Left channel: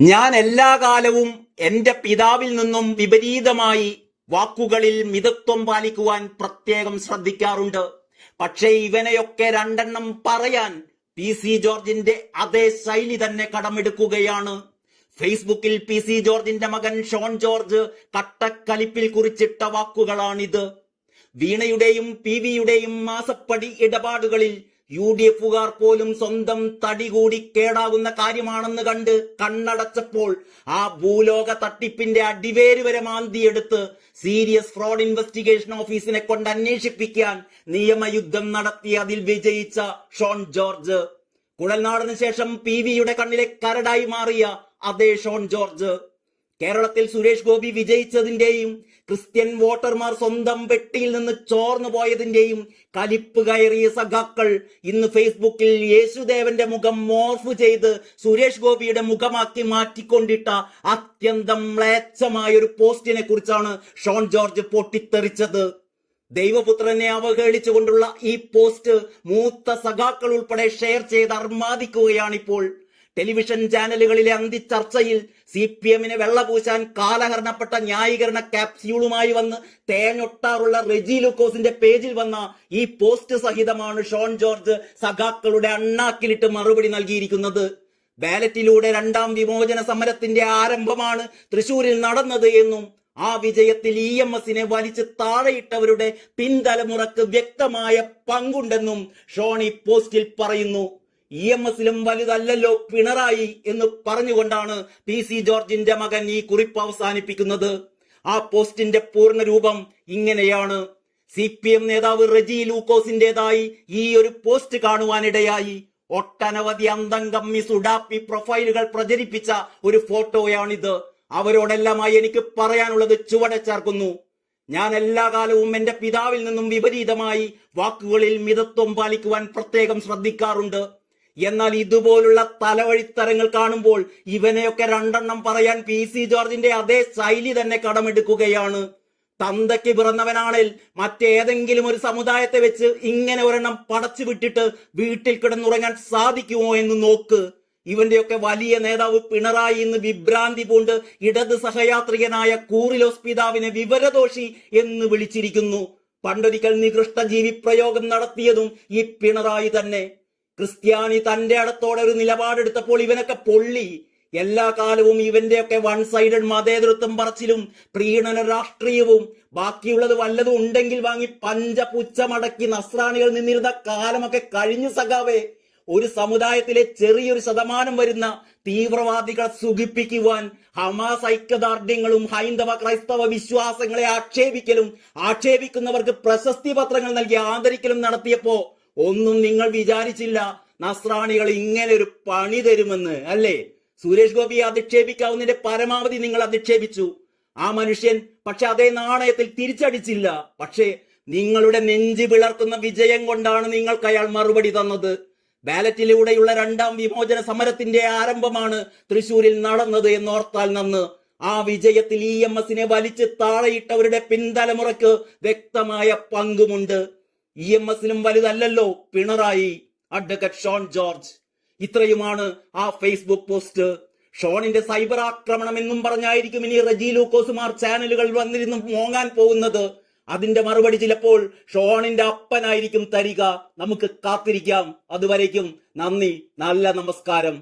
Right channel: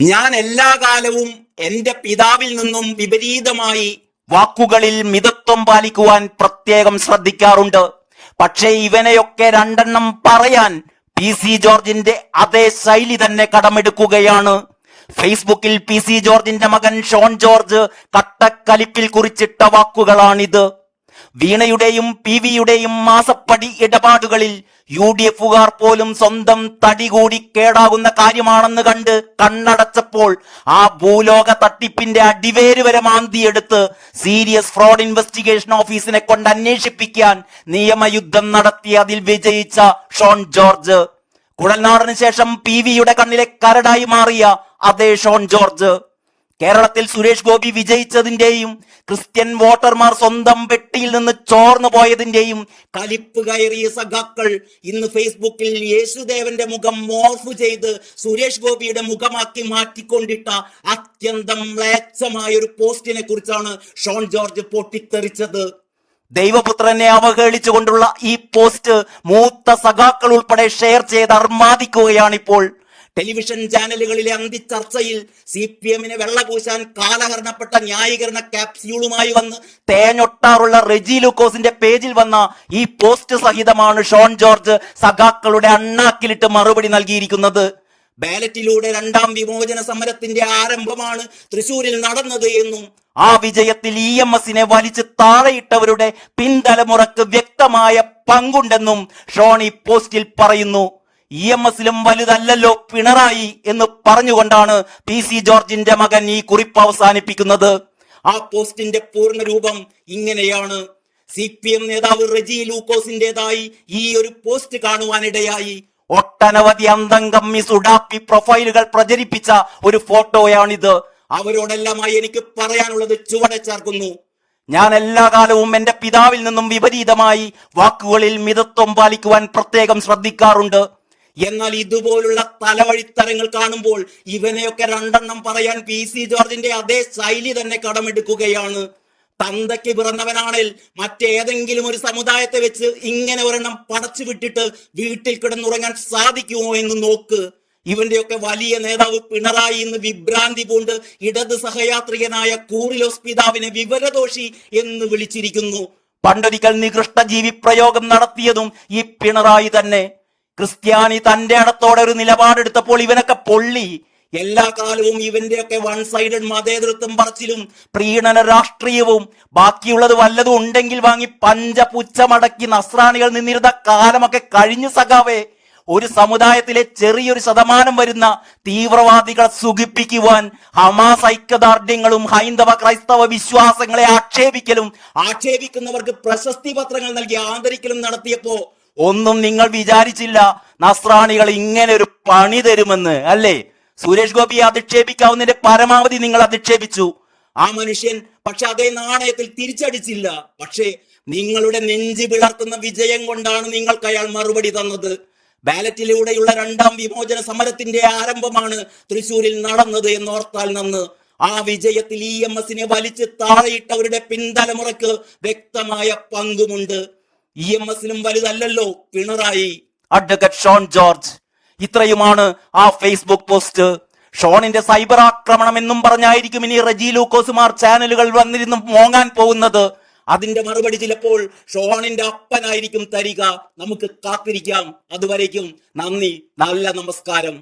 ഞാൻ എല്ലാ കാലവും എന്റെ പിതാവിൽ നിന്നും വിപരീതമായി വാക്കുകളിൽ മിതത്വം പാലിക്കുവാൻ പ്രത്യേകം ശ്രദ്ധിക്കാറുണ്ട്. പക്ഷേ ഇവനെയൊക്കെ രണ്ടെണ്ണം പറയാൻ PC ജോർജിന്റെ അതേ ശൈലി തന്നെ കടമെടുക്കുകയാണ്. ഫേസ്ബുക്കിൽ PC ജോർജിന്റെ മകൻ ഷോൺ ജോർജ് കട്ടക്കലിപ്പിൽ കുറിച്ചിട്ട വാക്കുകളാണിത്. വീണയുടെയും PVയുടെയും മാസപ്പടി ഇടപാടുകളിൽ UDFുകാർ പോലും സ്വന്തം തടി കൂടി കേടാകുന്ന കാര്യമാണെന്ന് കണ്ട് കണ്ണടച്ചപ്പോൾ ആ ഭൂലോക തട്ടിപ്പിന്റെ അടിവേര് വരെ മാന്തിയെടുത്ത് സീരിയസ് ഫ്രോഡ് ഇൻവെസ്റ്റിഗേഷൻ ഓഫീസിനെ കൊണ്ട് അന്വേഷിപ്പിക്കാൻ നിയമയുദ്ധം നടത്തി അതിൽ വിജയിച്ച ഷോൺ ജോർജ്, കുഴൽനാടന് ശേഷം PVയുടെ കണ്ണിലെ കരടായി മാറിയ അതേ ഷോൺ ജോർജ്, കേരളത്തിൽ സുരേഷ് ഗോപി വിജയിച്ചതിന്റെയും ക്രിസ്ത്യൻ വോട്ടർമാർ സ്വന്തം വെട്ടിയിൽ നിന്ന് ചോർന്നു പോയതിന്റെയും കലിപ്പ് കയറിയ സഖാക്കൾ ഇന്ന് ഫേസ്ബുക്കിൽ യേശുദേവന്റെ മുഖം മോർഫ് ചെയ്ത് സുരേഷ് ഗോപിയുടെ മുഖമാക്കി മാറ്റിക്കൊണ്ടിട്ട അത്യന്തം മ്ലേച്ഛമായ ഒരു പോസ്റ്റിനെ കുറിച്ചാണ് ഷോൺ ജോർജ് പൊട്ടിത്തെറിച്ചത്. ദൈവപുത്രനെ അവഹേളിച്ചുകൊണ്ടുള്ള ഈ പോസ്റ്റ് മൂത്ത സഖാക്കൾ ഉൾപ്പെടെ ഷെയർ ചെയ്ത് അർമാദിക്കുകയാണിപ്പോൾ. ടെലിവിഷൻ ചാനലുകളിലെ അന്തിച്ചർച്ചയിൽ CPMനെ വെള്ളപൂശാൻ കാലഹരണപ്പെട്ട ന്യായീകരണ ക്യാപ്സ്യൂളുമായി വന്ന് തേഞ്ഞൊട്ടാറുള്ള റെജി ലൂക്കോസിന്റെ പേജിൽ വന്ന ഈ പോസ്റ്റ് സഹിതമാണ് ഷോൺ ജോർജ് സഖാക്കളുടെ അണ്ണാക്കിലിട്ട് മറുപടി നൽകിയിരിക്കുന്നത്. ബാലറ്റിലൂടെ രണ്ടാം വിമോചന സമരത്തിന്റെ ആരംഭമാണ് തൃശൂരിൽ നടന്നത് എന്നും ആ വിജയത്തിൽ EMSനെ വലിച്ച് താഴെയിട്ടവരുടെ പിൻതലമുറക്ക് വ്യക്തമായ പങ്കുണ്ടെന്നും ഷോൺ ഈ പോസ്റ്റിൽ പറയുന്നു. EMSലും വലുതല്ലല്ലോ പിണറായി എന്ന് പറഞ്ഞുകൊണ്ടാണ് PC ജോർജിന്റെ മകൻ ഈ കുറിപ്പ് അവസാനിപ്പിക്കുന്നത്. ആ പോസ്റ്റിന്റെ പൂർണ്ണ രൂപം ഇങ്ങനെയാണ്. CPM നേതാവ് റെജി ലൂക്കോസിന്റേതായി ഈ ഒരു പോസ്റ്റ് കാണുവാനിടയായി. ഒട്ടനവധി അന്തംഗമ്മി സുഡാപ്പി പ്രൊഫൈലുകൾ പ്രചരിപ്പിച്ച ഒരു ഫോട്ടോയാണിത്. അവരോടെല്ലാമായി എനിക്ക് പറയാനുള്ളത് ചുവടെ ചേർക്കുന്നു. ഞാൻ എല്ലാ കാലവും എന്റെ പിതാവിൽ നിന്നും വിപരീതമായി വാക്കുകളിൽ മിതത്വം പാലിക്കുവാൻ പ്രത്യേകം ശ്രദ്ധിക്കാറുണ്ട്. എന്നാൽ ഇതുപോലുള്ള തലവഴിത്തരങ്ങൾ കാണുമ്പോൾ ഇവനെയൊക്കെ രണ്ടെണ്ണം പറയാൻ PC ജോർജിന്റെ അതേ ശൈലി തന്നെ കടമെടുക്കുകയാണ്. തന്തയ്ക്ക് പിറന്നവനാണേൽ മറ്റേതെങ്കിലും ഒരു സമുദായത്തെ വെച്ച് ഇങ്ങനെ ഒരെണ്ണം പടച്ചു വിട്ടിട്ട് വീട്ടിൽ കിടന്നുറങ്ങാൻ സാധിക്കുമോ എന്ന് നോക്ക്. ഇവന്റെയൊക്കെ വലിയ നേതാവ് പിണറായി ഇന്ന് വിഭ്രാന്തി പൂണ്ട് ഇടത് സഹയാത്രികനായ കൂറിലോസ് പിതാവിനെ വിവരദോഷി എന്ന് വിളിച്ചിരിക്കുന്നു. പണ്ടൊരിക്കൽ നികൃഷ്ട ജീവി പ്രയോഗം നടത്തിയതും ഈ പിണറായി തന്നെ. ക്രിസ്ത്യാനി തന്റെ ഇടത്തോടെ ഒരു നിലപാടെടുത്തപ്പോൾ ഇവനൊക്കെ പൊള്ളി. എല്ലാ കാലവും ഇവന്റെയൊക്കെ വൺ സൈഡഡ് മതേതൃത്വം പറച്ചിലും പ്രീണന രാഷ്ട്രീയവും ബാക്കിയുള്ളത് വല്ലതും ഉണ്ടെങ്കിൽ വാങ്ങി പഞ്ചപുച്ഛമടക്കി നസ്രാണികൾ നിന്നിരുന്ന കാലമൊക്കെ കഴിഞ്ഞു സഖാവേ. ഒരു സമുദായത്തിലെ ചെറിയൊരു ശതമാനം വരുന്ന തീവ്രവാദികളെ സുഖിപ്പിക്കുവാൻ ഹമാസ് ഐക്യദാർഢ്യങ്ങളും ഹൈന്ദവ ക്രൈസ്തവ വിശ്വാസങ്ങളെ ആക്ഷേപിക്കുന്നവർക്ക് പ്രശസ്തി പത്രങ്ങൾ നൽകി ആദരിക്കലും നടത്തിയപ്പോ ഒന്നും നിങ്ങൾ വിചാരിച്ചില്ല നസ്രാണികൾ ഇങ്ങനെ ഒരു പണി തരുമെന്ന്, അല്ലേ? സുരേഷ് ഗോപിയെ അധിക്ഷേപിക്കാവുന്നതിന്റെ പരമാവധി നിങ്ങൾ അധിക്ഷേപിച്ചു. ആ മനുഷ്യൻ പക്ഷെ അതേ നാണയത്തിൽ തിരിച്ചടിച്ചില്ല. പക്ഷേ നിങ്ങളുടെ നെഞ്ചി പിളർത്തുന്ന വിജയം കൊണ്ടാണ് നിങ്ങൾക്ക് അയാൾ മറുപടി തന്നത്. ബാലറ്റിലൂടെയുള്ള രണ്ടാം വിമോചന സമരത്തിന്റെ ആരംഭമാണ് തൃശൂരിൽ നടന്നത് എന്നോർത്താൽ നന്ന്. ആ വിജയത്തിൽ EMSനെ വലിച്ച് താഴെയിട്ടവരുടെ പിൻതലമുറക്ക് വ്യക്തമായ പങ്കുമുണ്ട്. EMSലും വലുതല്ലല്ലോ പിണറായി. അഡ്വക്കേറ്റ് ഷോൺ ജോർജ്. ഇത്രയുമാണ് ആ ഫേസ്ബുക്ക് പോസ്റ്റ്. ഷോണിന്റെ സൈബർ ആക്രമണം എന്നും പറഞ്ഞായിരിക്കും ഇനി റെജി ലൂക്കോസുമാർ ചാനലുകൾ വന്നിരുന്ന് മോങ്ങാൻ പോകുന്നത്. അതിന്റെ മറുപടി ചിലപ്പോൾ ഷോണിന്റെ അപ്പനായിരിക്കും തരിക. നമുക്ക് കാത്തിരിക്കാം. അതുവരേക്കും നന്ദി, നല്ല നമസ്കാരം.